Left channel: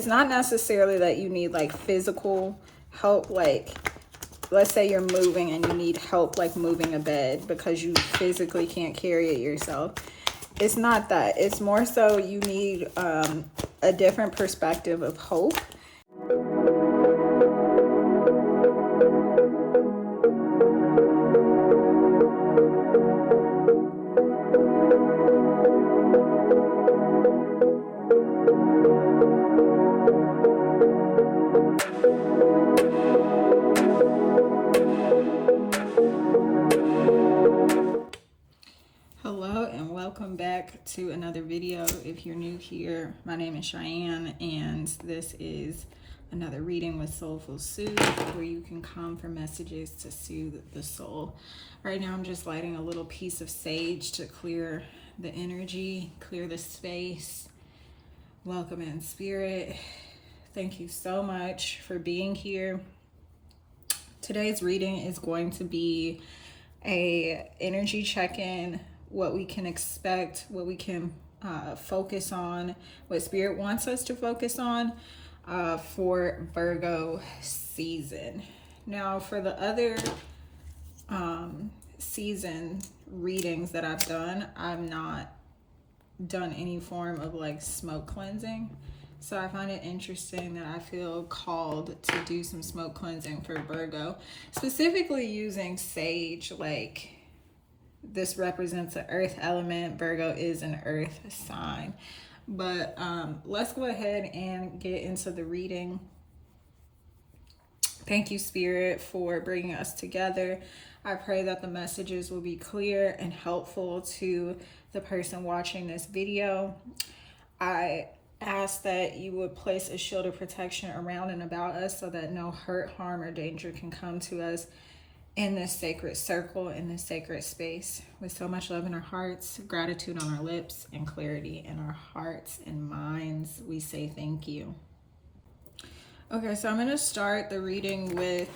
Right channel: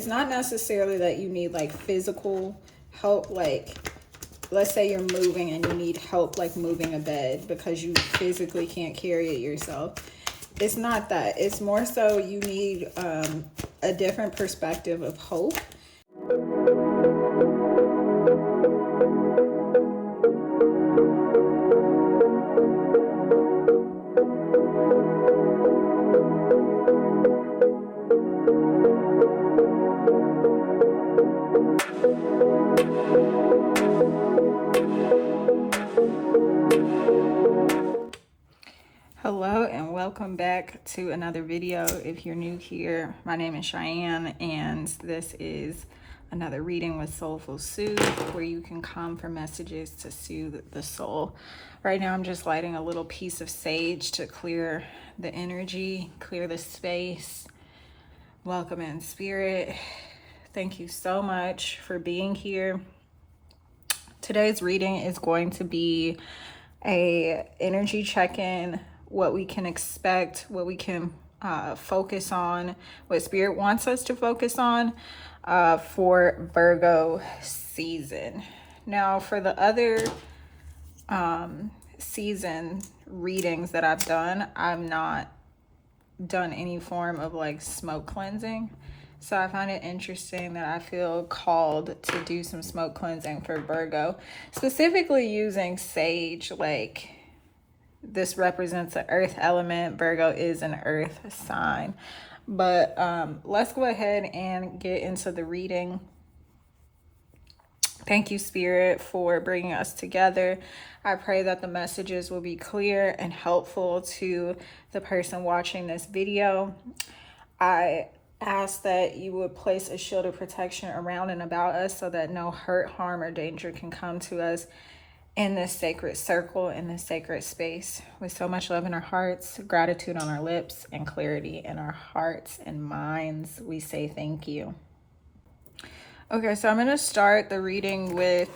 It's not necessarily that you need like physical help, like let's say you're moving and you need help like moving a bed because you physically can't carry it yourself. It's not that. It's more so you need a different perspective of hope. Hello and welcome back to another video. If you're new here, my name is Cheyenne and this is another reading with Soulful Soothe, where you can come for messages to soothe the soul. Right now I'm just lighting a little piece of sage to clear the energy, clear the space. Welcome in spirit. Thank you so much for being here. Today's reading is going to be a energy check-in, what we can expect, what we can focus on, what spirit wants us to focus on for Virgo season. Now, for the other season readings that I've done, I've not done any form of like smoke cleansing. So I find it interesting that I feel called to do some smoke cleansing for Virgo, specifically using sage. Like, this represents the earth element. Virgo is an earth sign. But let's go ahead and get into the reading. Thank you, Spirit, for bringing us together. I pray that the messages will be clear and helpful to the person watching this video. I ask that you would place a shield of protection around and about us so that no hurt, harm, or danger can come to us in this sacred circle, in this sacred space. With so much love in our hearts, gratitude on our lips, and clarity in our hearts and minds, we say thank you. Okay, so I'm going to start the reading with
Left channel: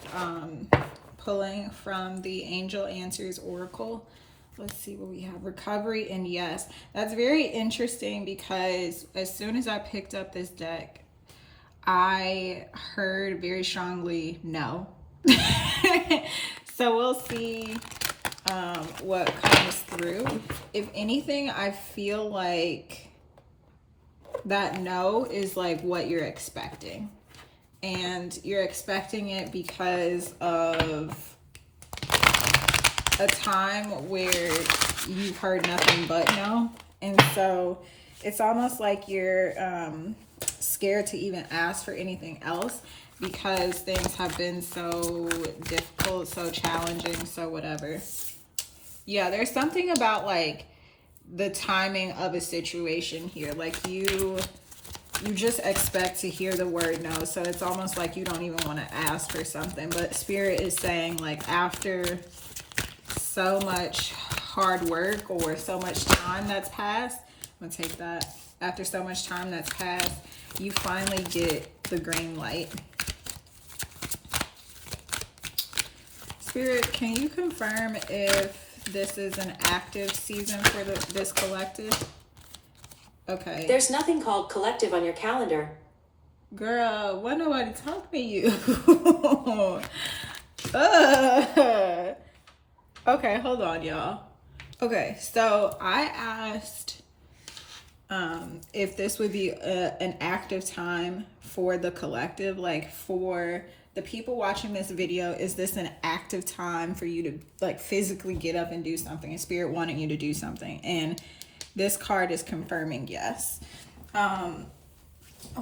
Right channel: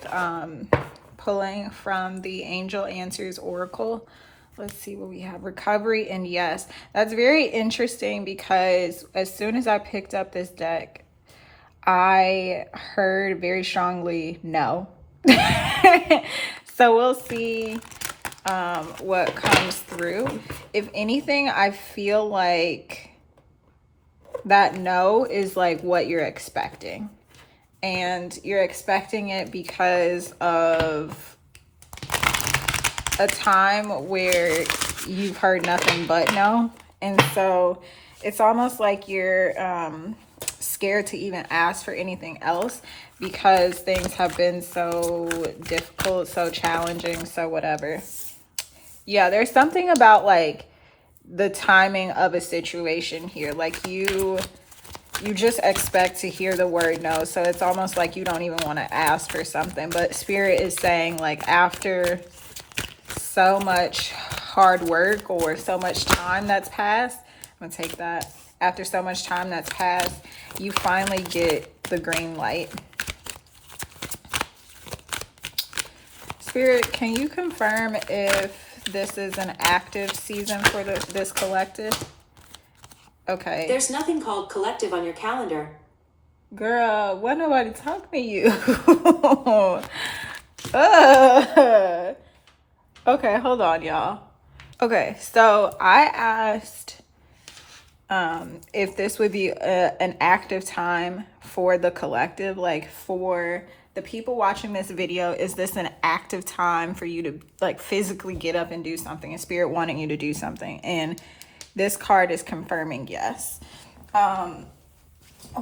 pulling from the Angel Answers Oracle. Let's see what we have. Recovery and yes. That's very interesting because as soon as I picked up this deck, I heard very strongly no. So we'll see what comes through. If anything, I feel like that no is like what you're expecting. And you're expecting it because of a time where you've heard nothing but no. And so it's almost like you're scared to even ask for anything else because things have been so difficult, so challenging, so whatever. Yeah, there's something about like the timing of a situation here. Like you just expect to hear the word no. So it's almost like you don't even want to ask for something. But Spirit is saying, like, after so much hard work or so much time that's passed, I'm gonna take that. After so much time that's passed, you finally get the green light. Spirit, can you confirm if this is an active season for this collective? Okay. There's nothing called collective on your calendar. Girl, why nobody talk to you? Okay, hold on, y'all. Okay, so I asked if this would be an active time for the collective, like for the people watching this video. Is this an active time for you to like physically get up and do something? A spirit wanting you to do something, and this card is confirming yes.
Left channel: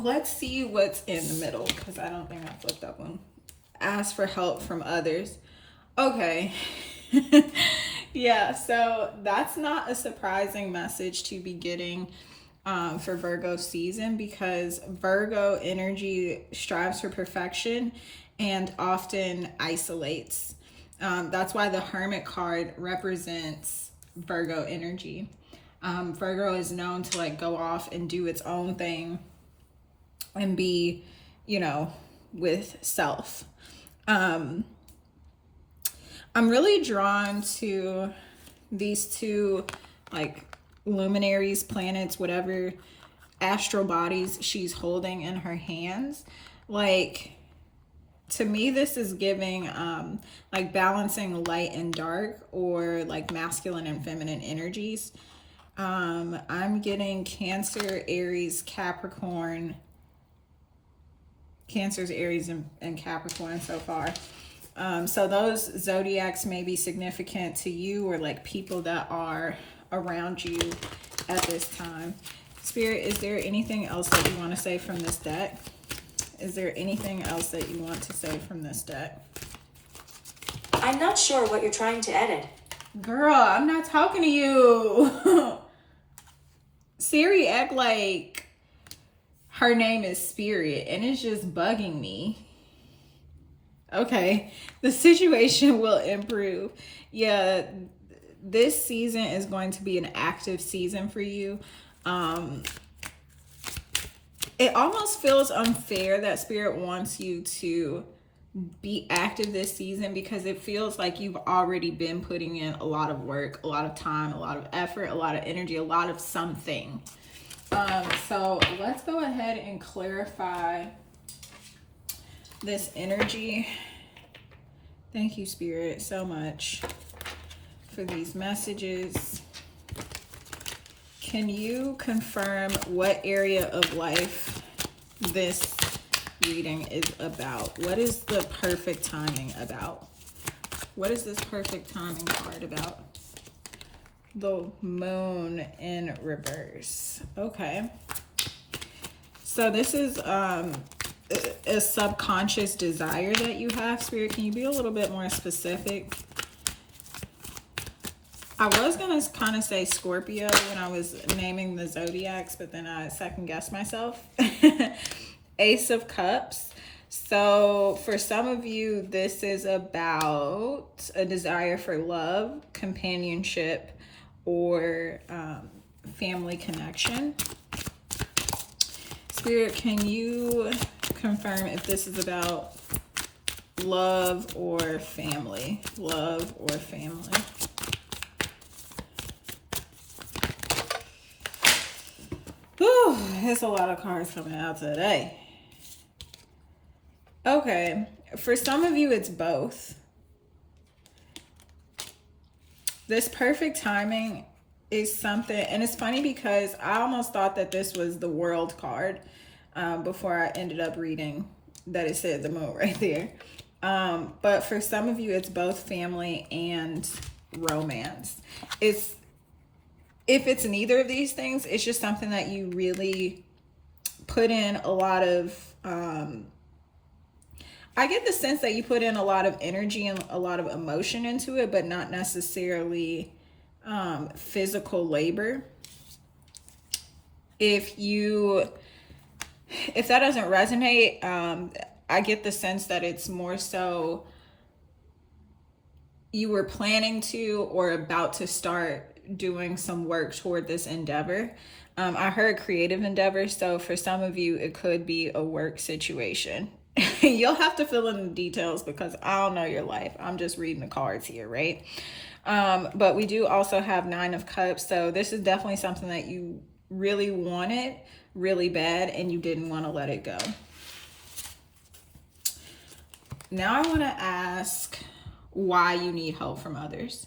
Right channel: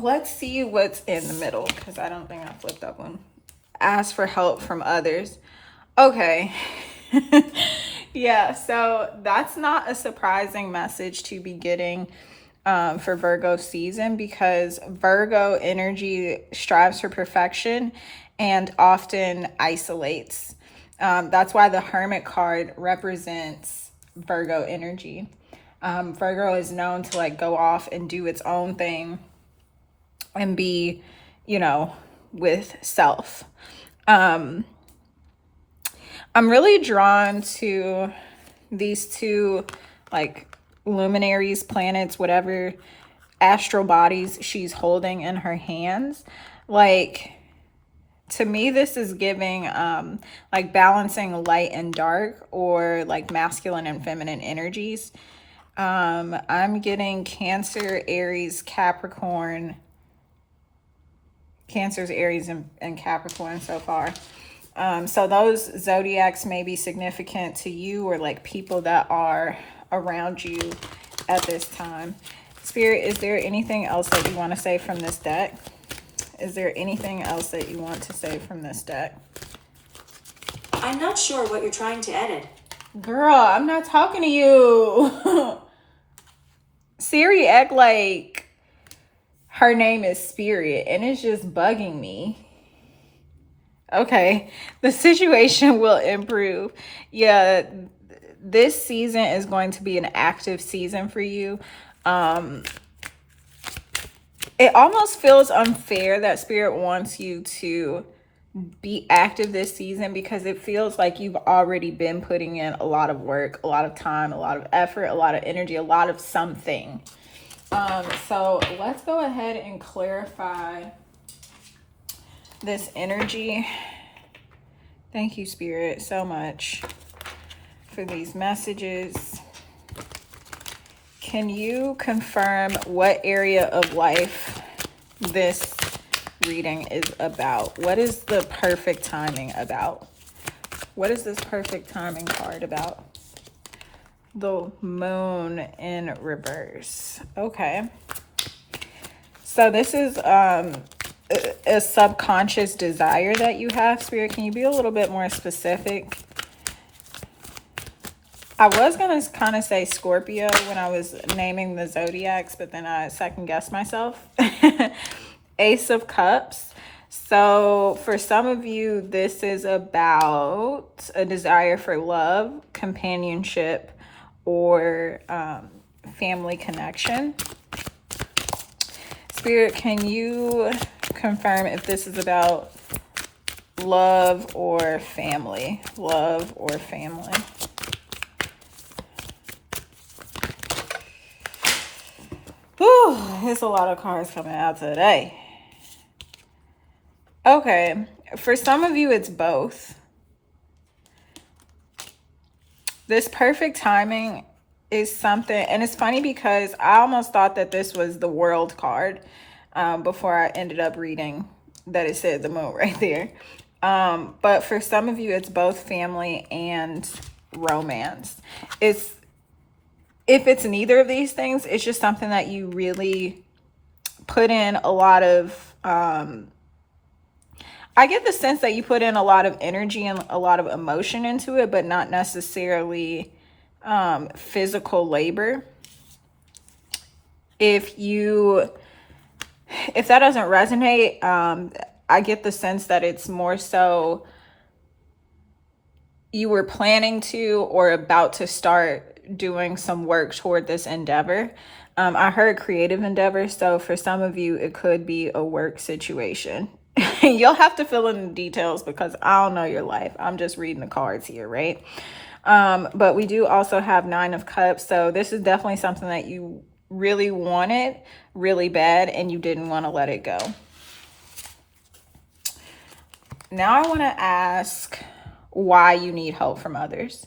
Let's see what's in the middle because I don't think I flipped up one. Ask for help from others. Okay. Yeah, so that's not a surprising message to be getting for Virgo season, because Virgo energy strives for perfection and often isolates. That's why the Hermit card represents Virgo energy. Virgo is known to like go off and do its own thing and be, you know, with self. I'm really drawn to these two like luminaries, planets, whatever, astral bodies she's holding in her hands. Like, to me, this is giving like balancing light and dark, or like masculine and feminine energies. I'm getting Cancer, Aries, Capricorn. Cancer's, Aries, and Capricorn so far. So those zodiacs may be significant to you, or like people that are around you at this time. Spirit, is there anything else that you want to say from this deck? Is there anything else that you want to say from this deck? I'm not sure what you're trying to edit. Girl, I'm not talking to you. Siri act like her name is Spirit, and it's just bugging me. Okay, the situation will improve. Yeah, this season is going to be an active season for you. It almost feels unfair that Spirit wants you to be active this season, because it feels like you've already been putting in a lot of work, a lot of time, a lot of effort, a lot of energy, a lot of something. So let's go ahead and clarify this energy. Thank you, Spirit, so much for these messages. Can you confirm what area of life this reading is about? What is the perfect timing about? What is this perfect timing card about? The moon in reverse. Okay. So this is a subconscious desire that you have, Spirit. Can you be a little bit more specific? I was going to kind of say Scorpio when I was naming the zodiacs, but then I second guessed myself. Ace of Cups. So for some of you, this is about a desire for love, companionship, or family connection. Spirit, can you confirm if this is about love or family? Love or family? Whew, there's a lot of cards coming out today. Okay, for some of you, it's both. This perfect timing is something, and it's funny because I almost thought that this was the World card before I ended up reading that it said the moon right there. But for some of you, it's both family and romance. If it's neither of these things, it's just something that you really put in a lot of, I get the sense that you put in a lot of energy and a lot of emotion into it, but not necessarily physical labor. If that doesn't resonate, I get the sense that it's more so you were planning to or about to start doing some work toward this endeavor. I heard creative endeavor, so for some of you, it could be a work situation. You'll have to fill in the details because I don't know your life. I'm just reading the cards here, right? But we do also have Nine of Cups, so this is definitely something that you really wanted really bad and you didn't want to let it go. Now I want to ask why you need help from others.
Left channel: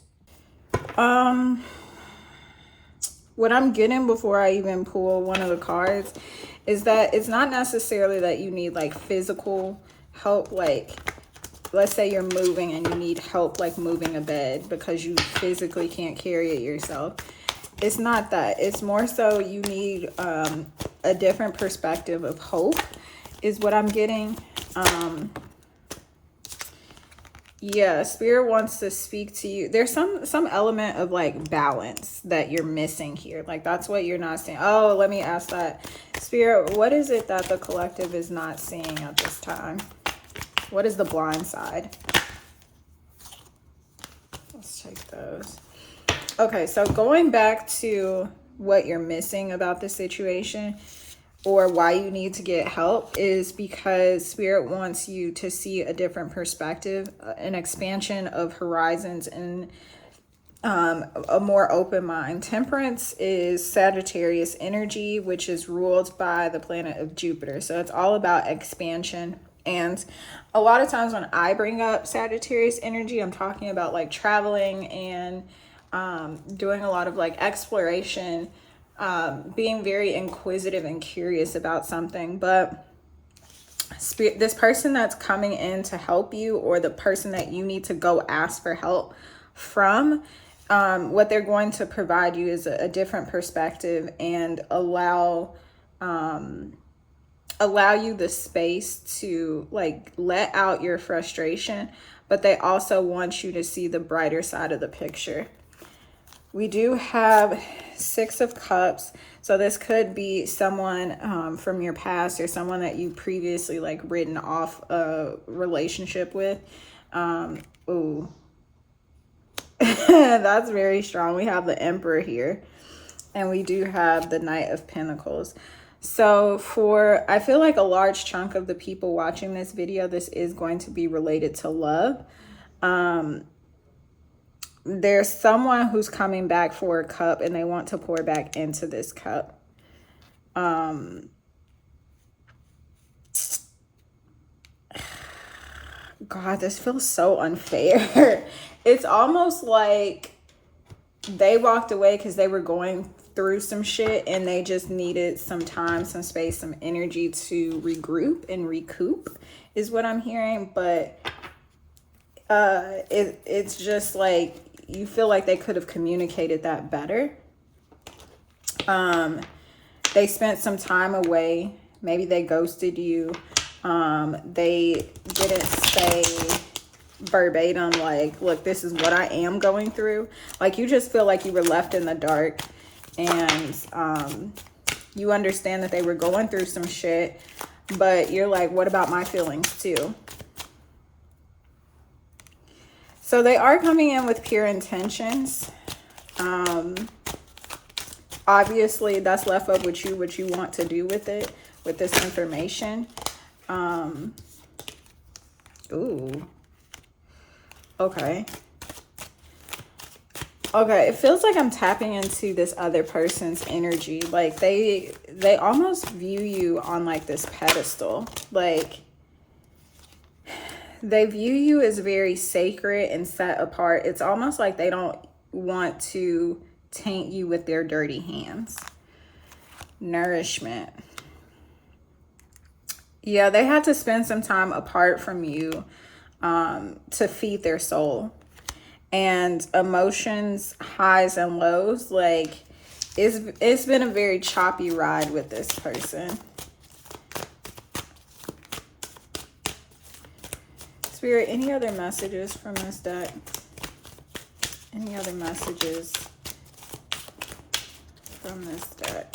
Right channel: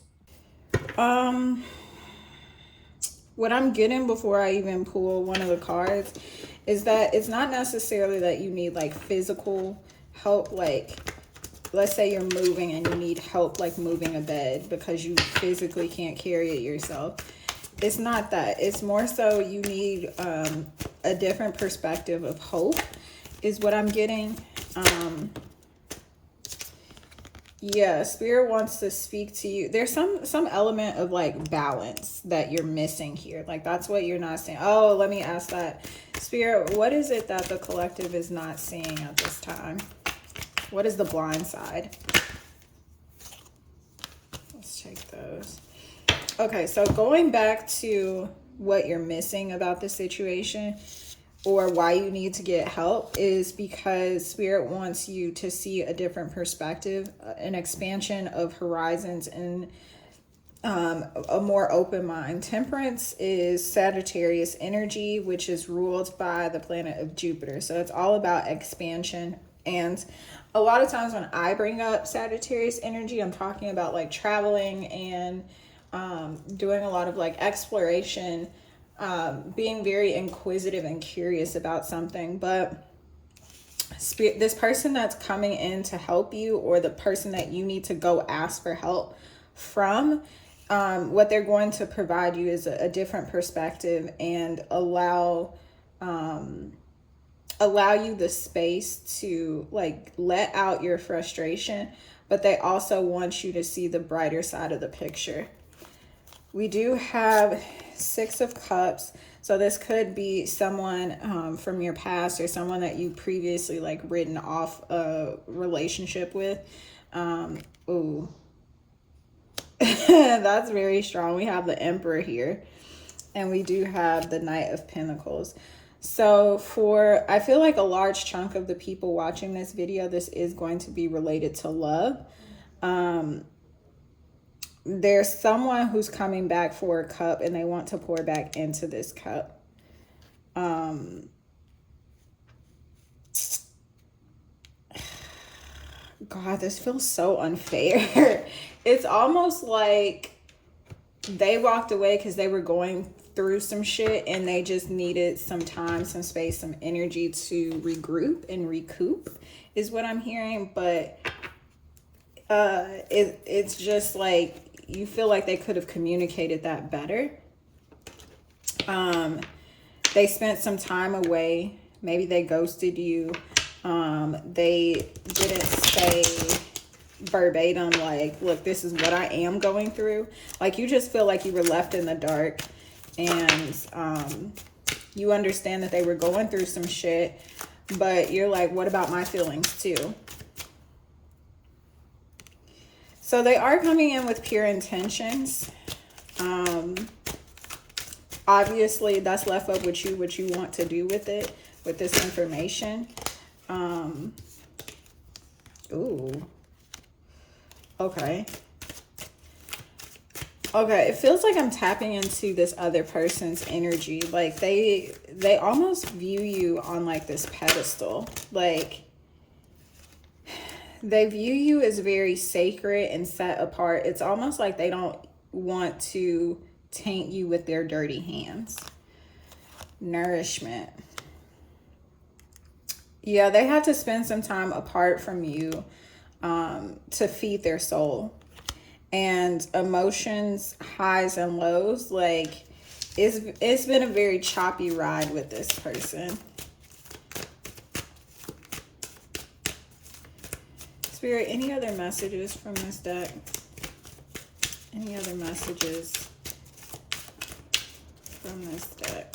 What I'm getting before I even pull one of the cards is that it's not necessarily that you need like physical help. Like, let's say you're moving and you need help like moving a bed because you physically can't carry it yourself. It's not that. It's more so you need a different perspective of hope is what I'm getting. Yeah, Spirit wants to speak to you. There's some element of like balance that you're missing here. Like that's what you're not seeing. Oh, let me ask that. Spirit, what is it that the collective is not seeing at this time? What is the blind side? Let's take those. Okay, so going back to what you're missing about the situation or why you need to get help is because Spirit wants you to see a different perspective, an expansion of horizons, and a more open mind. Temperance is Sagittarius energy, which is ruled by the planet of Jupiter. So it's all about expansion. And a lot of times when I bring up Sagittarius energy, I'm talking about like traveling and doing a lot of like exploration, being very inquisitive and curious about something. But this person that's coming in to help you, or the person that you need to go ask for help from, what they're going to provide you is a different perspective and allow you the space to like let out your frustration, but they also want you to see the brighter side of the picture. We do have 6 of Cups. So this could be someone from your past, or someone that you previously like written off a relationship with. Ooh. That's very strong. We have the Emperor here, and we do have the Knight of Pentacles. So I feel like a large chunk of the people watching this video, this is going to be related to love. There's someone who's coming back for a cup, and they want to pour back into this cup. God, this feels so unfair. It's almost like they walked away because they were going through some shit and they just needed some time, some space, some energy to regroup and recoup is what I'm hearing. But it's just like you feel like they could have communicated that better. They spent some time away. Maybe they ghosted you. They didn't say verbatim, like, look, this is what I am going through. Like, you just feel like you were left in the dark, and you understand that they were going through some shit, but you're like, what about my feelings too? So they are coming in with pure intentions. Obviously that's left up with you, what you want to do with it, with this information. Ooh. Okay. Okay, it feels like I'm tapping into this other person's energy. Like they almost view you on like this pedestal. Like they view you as very sacred and set apart. It's almost like they don't want to taint you with their dirty hands. Nourishment. Yeah, they had to spend some time apart from you to feed their soul. And emotions, highs and lows, like it's been a very choppy ride with this person. Spirit, any other messages from this deck? Any other messages from this deck?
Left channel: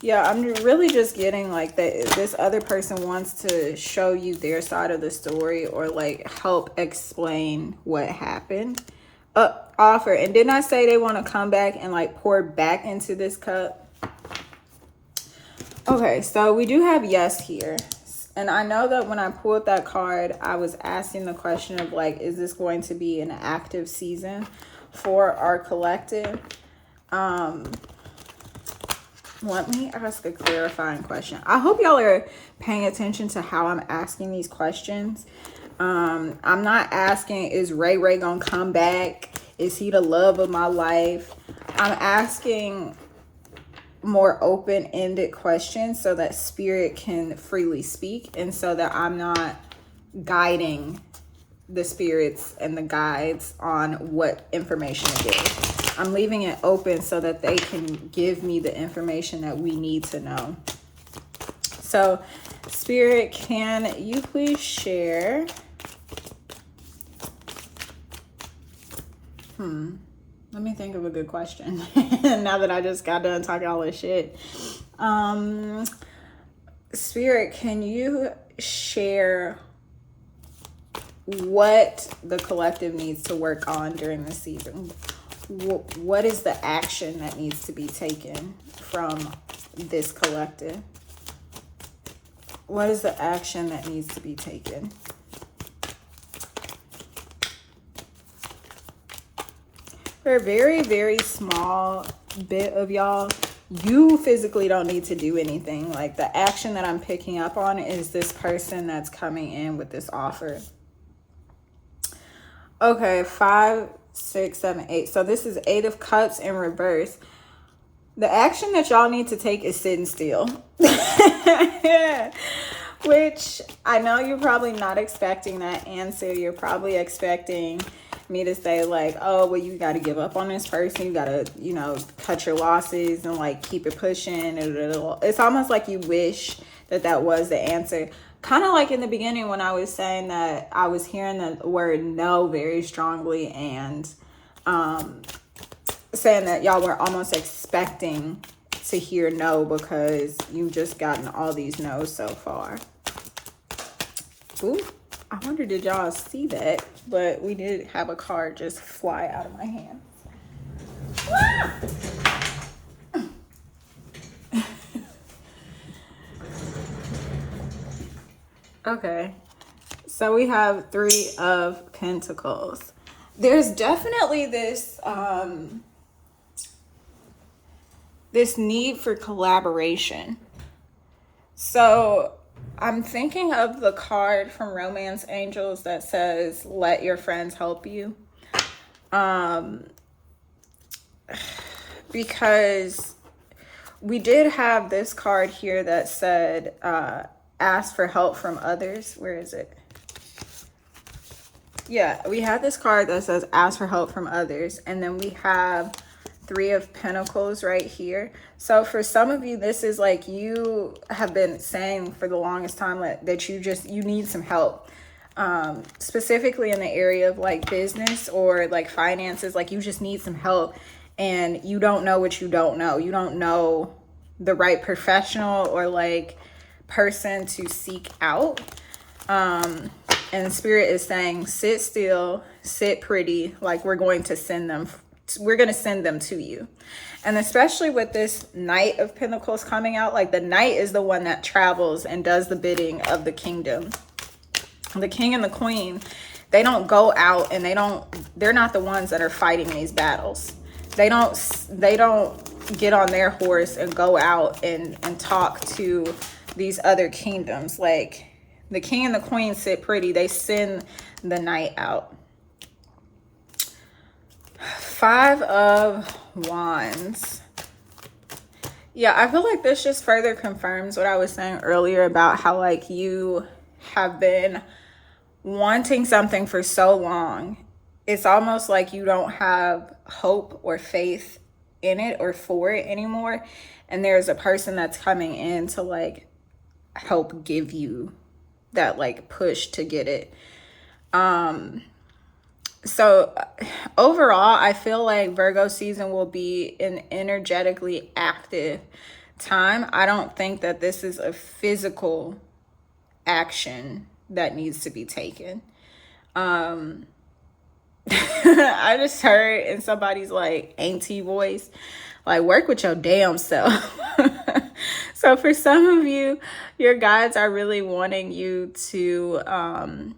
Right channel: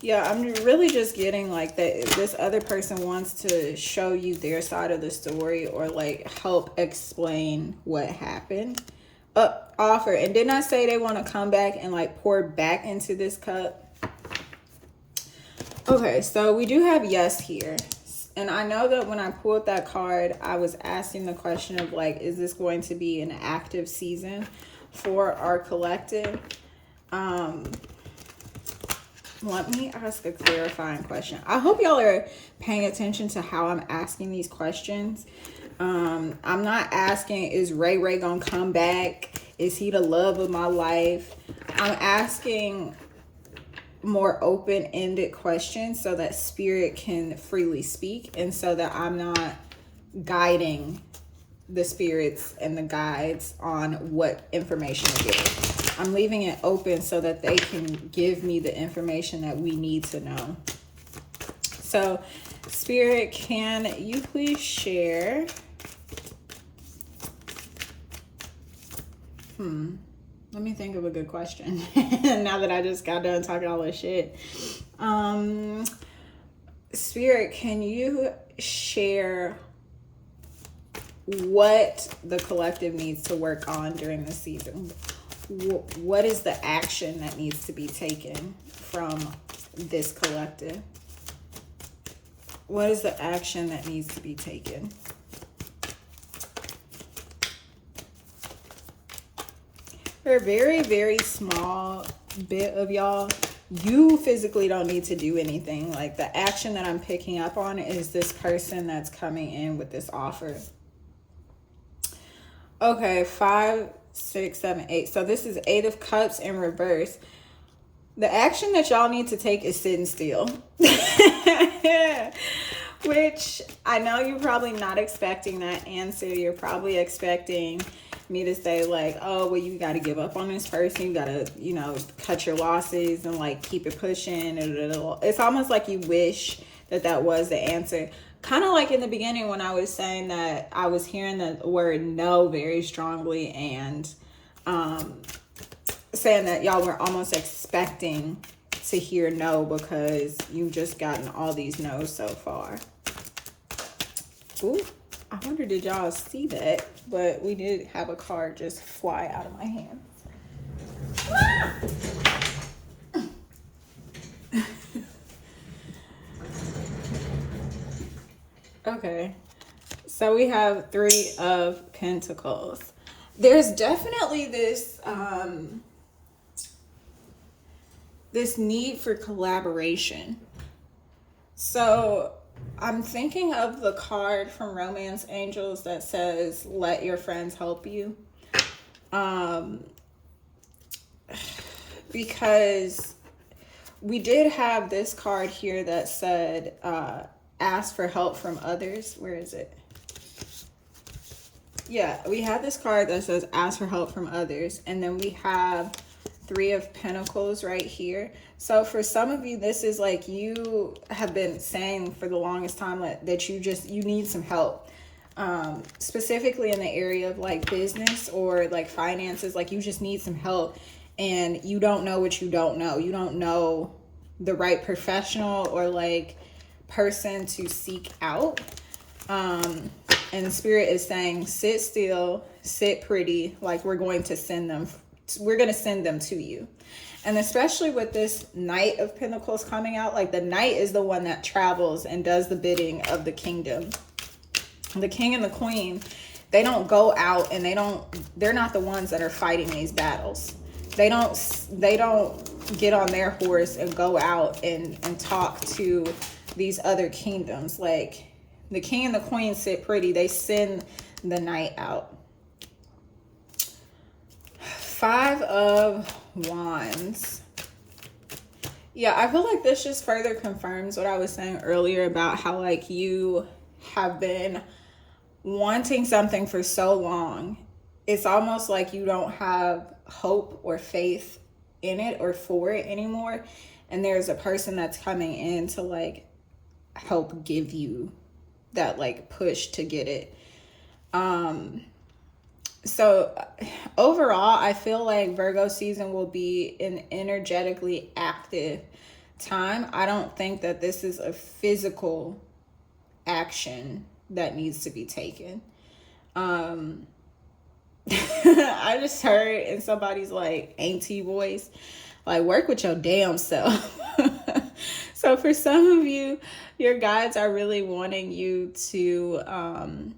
Yeah, I'm really just getting like that this other person wants to show you their side of the story, or like help explain what happened. Offer. And didn't I say they want to come back and like pour back into this cup? Okay, so we do have yes here. And I know that when I pulled that card, I was asking the question of like, is this going to be an active season for our collective? Let me ask a clarifying question. I hope y'all are paying attention to how I'm asking these questions. I'm not asking, is Ray gonna come back? Is he the love of my life? I'm asking more open-ended questions so that spirit can freely speak, and so that I'm not guiding the spirits and the guides on what information to give. I'm leaving it open so that they can give me the information that we need to know. So, Spirit, can you please share? Let me think of a good question. Now that I just got done talking all this shit. Spirit, can you share what the collective needs to work on during the season? What is the action that needs to be taken from this collective? What is the action that needs to be taken? For a very, very small bit of y'all, you physically don't need to do anything. Like, the action that I'm picking up on is this person that's coming in with this offer. Okay, 5, 6, 7, 8. So this is 8 of Cups in reverse. The action that y'all need to take is sitting still. Which I know you're probably not expecting that answer. You're probably expecting me to say like, oh, well, you got to give up on this person. You got to, you know, cut your losses and like keep it pushing. It's almost like you wish that that was the answer. Kind of like in the beginning when I was saying that I was hearing the word no very strongly, and saying that y'all were almost expecting to hear no because you've just gotten all these no's so far. Ooh, I wonder did y'all see that, but we did have a card just fly out of my hand. Okay, so we have 3 of Pentacles. There's definitely this this need for collaboration. So I'm thinking of the card from Romance Angels that says, let your friends help you. Because we did have this card here that said, ask for help from others. Where is it? Yeah, we had this card that says ask for help from others. And then we have 3 of Pentacles right here. So for some of you, this is like you have been saying for the longest time that you need some help. Specifically in the area of like business or like finances, like you just need some help and you don't know what you don't know. You don't know the right professional or like person to seek out. And Spirit is saying, sit still, sit pretty, like we're going to send them to you. And especially with this Knight of Pentacles coming out, like the Knight is the one that travels and does the bidding of the kingdom. The king and the queen, they don't go out and they're not the ones that are fighting these battles. They don't get on their horse and go out and talk to these other kingdoms. Like the king and the queen sit pretty. They send the Knight out. 5 of Wands. Yeah, I feel like this just further confirms what I was saying earlier about how like you have been wanting something for so long. It's almost like you don't have hope or faith in it or for it anymore. And there's a person that's coming in to like help give you that like push to get it. So overall, I feel like Virgo season will be an energetically active time. I don't think that this is a physical action that needs to be taken. I just heard in somebody's like auntie voice, like work with your damn self. So for some of you, your guides are really wanting you to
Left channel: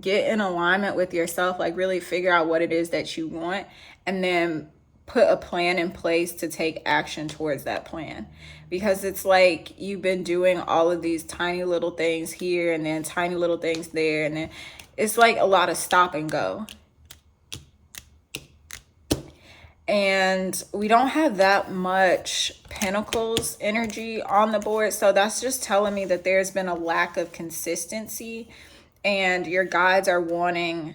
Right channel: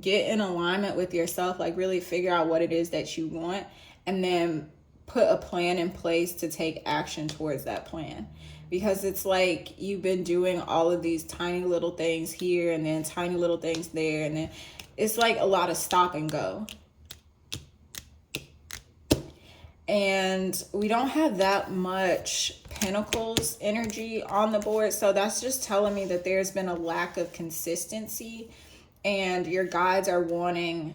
get in alignment with yourself, like really figure out what it is that you want and then put a plan in place to take action towards that plan. Because it's like you've been doing all of these tiny little things here and then tiny little things there, and then it's like a lot of stop and go. And we don't have that much Pentacles energy on the board, so that's just telling me that there's been a lack of consistency. And your guides are wanting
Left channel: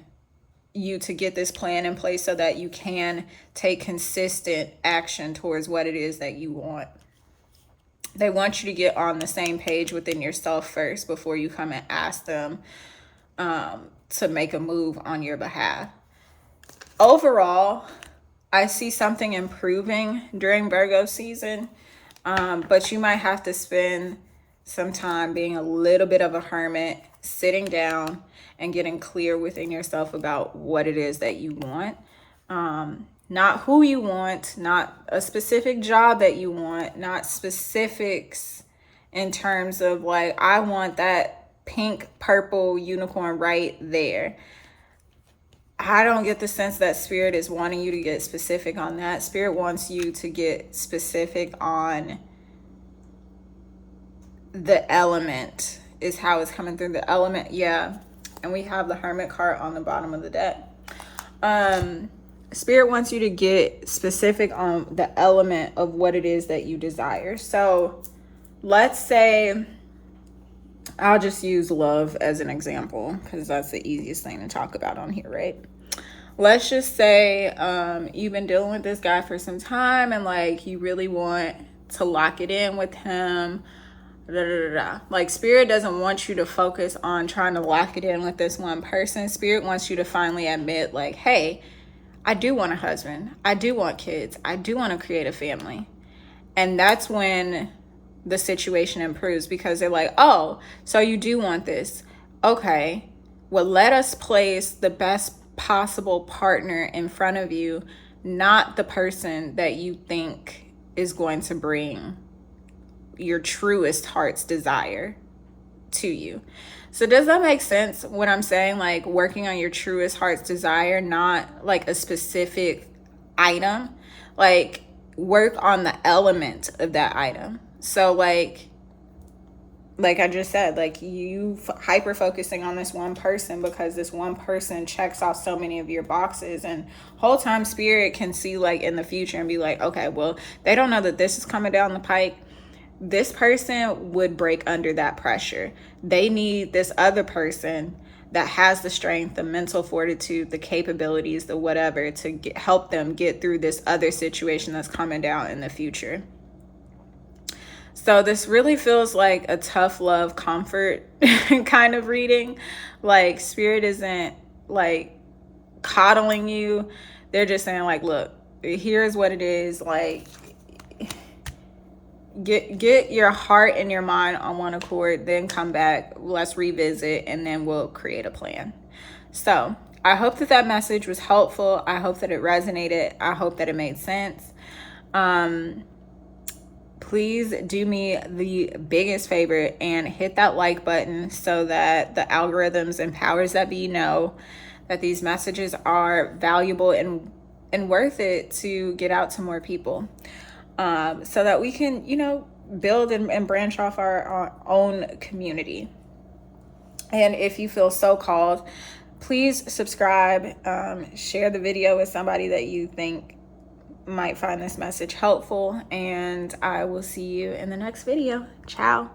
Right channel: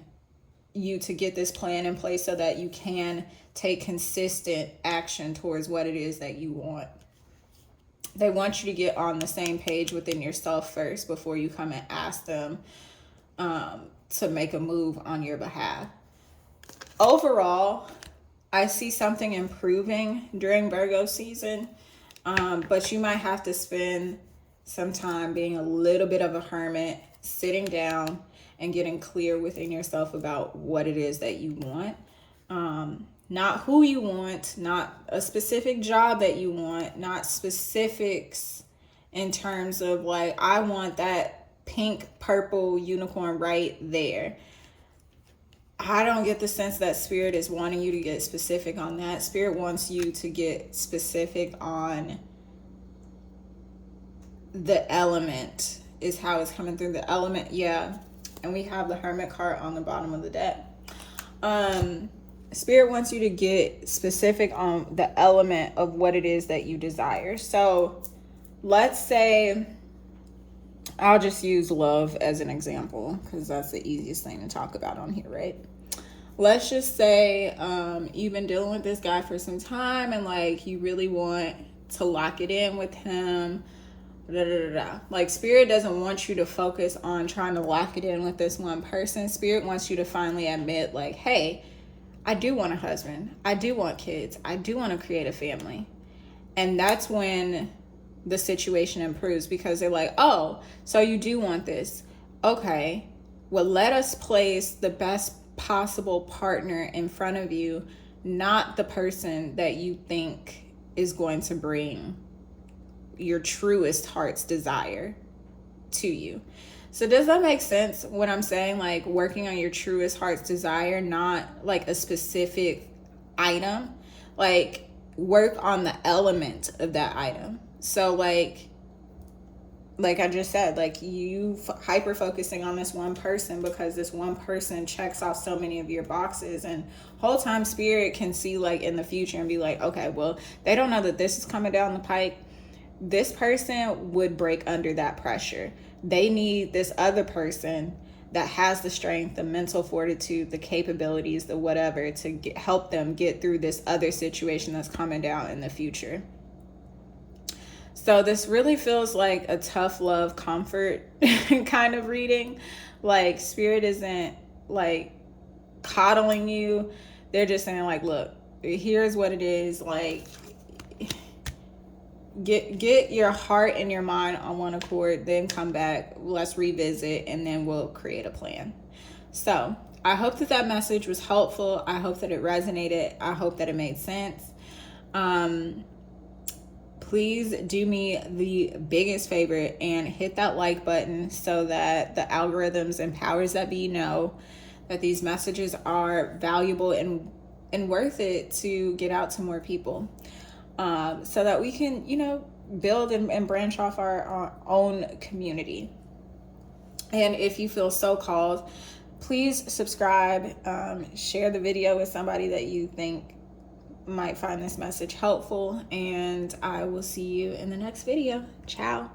you to get this plan in place so that you can take consistent action towards what it is that you want. They want you to get on the same page within yourself first before you come and ask them to make a move on your behalf. Overall, I see something improving during Virgo season, but you might have to spend some time being a little bit of a hermit, sitting down and getting clear within yourself about what it is that you want. Not who you want, not a specific job that you want, not specifics in terms of like, I want that pink, purple unicorn right there. I don't get the sense that Spirit is wanting you to get specific on that. Spirit wants you to get specific on the element, is how it's coming through. The element, yeah. And we have the Hermit card on the bottom of the deck. Spirit wants you to get specific on the element of what it is that you desire. So let's say, I'll just use love as an example because that's the easiest thing to talk about on here, right? Let's just say you've been dealing with this guy for some time and like you really want to lock it in with him. Like Spirit doesn't want you to focus on trying to lock it in with this one person. Spirit wants you to finally admit like, hey, I do want a husband. I do want kids. I do want to create a family. And that's when the situation improves, because they're like, oh, so you do want this. Okay, well, let us place the best possible partner in front of you, not the person that you think is going to bring your truest heart's desire to you. So does that make sense when I'm saying like working on your truest heart's desire, not like a specific item? Like work on the element of that item. So like I just said, like you hyper focusing on this one person because this one person checks off so many of your boxes, and whole time Spirit can see like in the future and be like, okay, well, they don't know that this is coming down the pike. This person would break under that pressure. They need this other person that has the strength, the mental fortitude, the capabilities, the whatever to help them get through this other situation that's coming down in the future. So this really feels like a tough love comfort kind of reading. Like Spirit isn't like coddling you. They're just saying like, look, here's what it is. Like get your heart and your mind on one accord, then come back, let's revisit, and then we'll create a plan. So I hope that that message was helpful. I hope that it resonated. I hope that it made sense. Please do me the biggest favor and hit that like button so that the algorithms and powers that be know that these messages are valuable and worth it to get out to more people. So that we can, build and branch off our own community. And if you feel so called, please subscribe, share the video with somebody that you think might find this message helpful, and I will see you in the next video. Ciao.